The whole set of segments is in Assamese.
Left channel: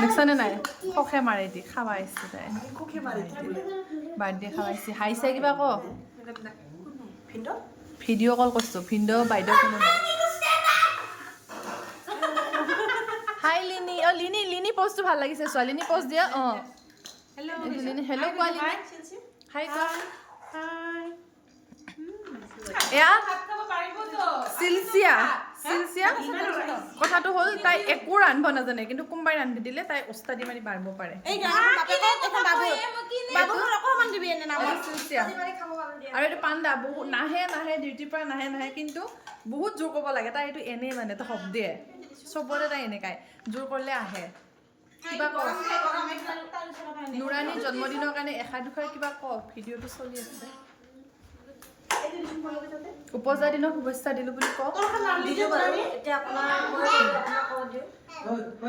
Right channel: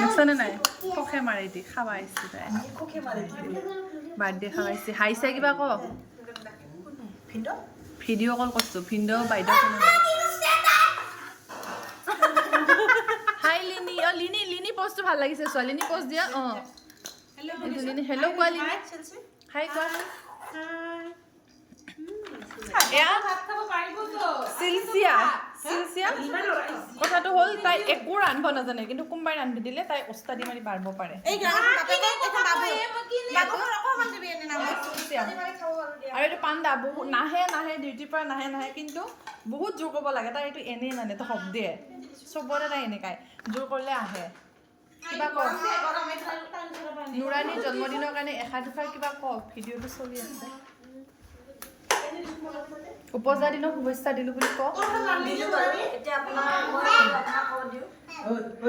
দেখছনে নাই খখে মাৰি দি খাবা আহিছে তাই বাৰ্থডে খাবাইছে হাইছে কিবা ক ভিডিঅ' কল কৰিছো ভিডিঅ' বাইদেউ কোনো নাই হাই লিনি অ লিনি লিনি পোষ্টটো ভাল লাগিছে ছোৱালীনি পোষ্ট দিয়া অ হেল্ল লিনি হেল্ল কোৱা লিনি হাই কোৱা হাই এয়া চিলচিয়া চিলচিয়া কথাটো হ'ল তাই একো ৰান্ধিব নাজানে কিন্তু কোনোবাই ৰান্ধি দিলে তাই ওস্তাদি মাৰি বাঢ়িব পাৰে আৰু এইটো পাণ্ডা বহুত নাহে নাহে ডিউটিৰ পৰা নাহে নাহে কিন্তু বহুত জোৰ কৰিব লাগে তাই এইটো এনেই মানে তো শব্দে চবতে তাই এনেকাই জোৰ কৰিলে আহে কিবা ক নুৰাণীৰ জন্মদিনৰ কাৰণে এষাৰ দুষাৰ কিবা ক ভিডিঅ'টো চলি আছে উপজা দিনৰ শুভেচ্ছা দিলো বুলি ক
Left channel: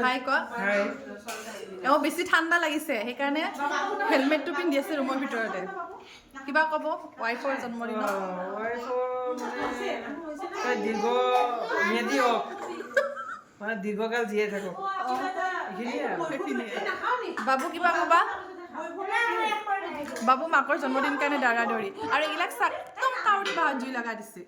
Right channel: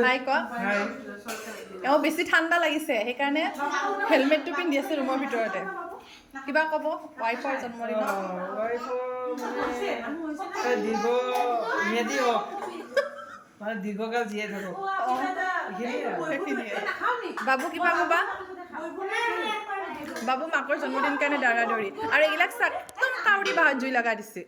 হাই ক এওঁ বেছি ঠাণ্ডা লাগিছে সেইকাৰণে হেলমেটটো পিন্ধি আছে ৰুমৰ ভিতৰতে কিবা ক'ব ৱাইফৰ জন্মদিনত মানে দীৰ্ঘকাল জীয়াই থাকক বাবু কিবা ক'বা বাবু মাকৰ জন্মদিন কাৰণে দাৰা দৌৰি আৰু এইবিলাক একদম কাউৰী বাহাত জুই লগা দিছে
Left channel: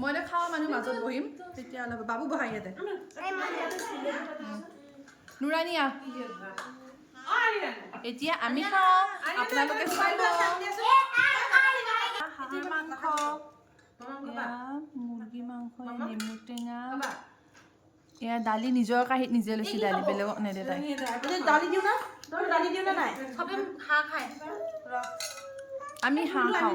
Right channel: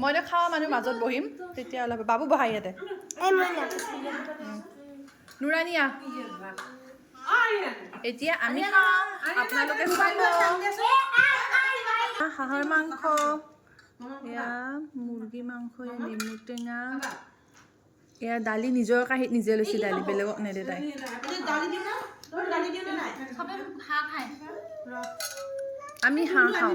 মই খাৱা মানুহ মাজত বহিম তেতিয়া অলপ বাবু বহা ইয়াতে নুৰাণীয়া এতিয়া আমি খাওঁ আপোনালোকে চাব হাঁহৰ মাংস এয়া মুৰ্গী মাংস এয়া নেমু টেঙা এয়া দালি নিজৰ কাঁহীত নিজে লৈছে দালি বেলেগক নেদে তাই আমি হাঁহ খাওঁ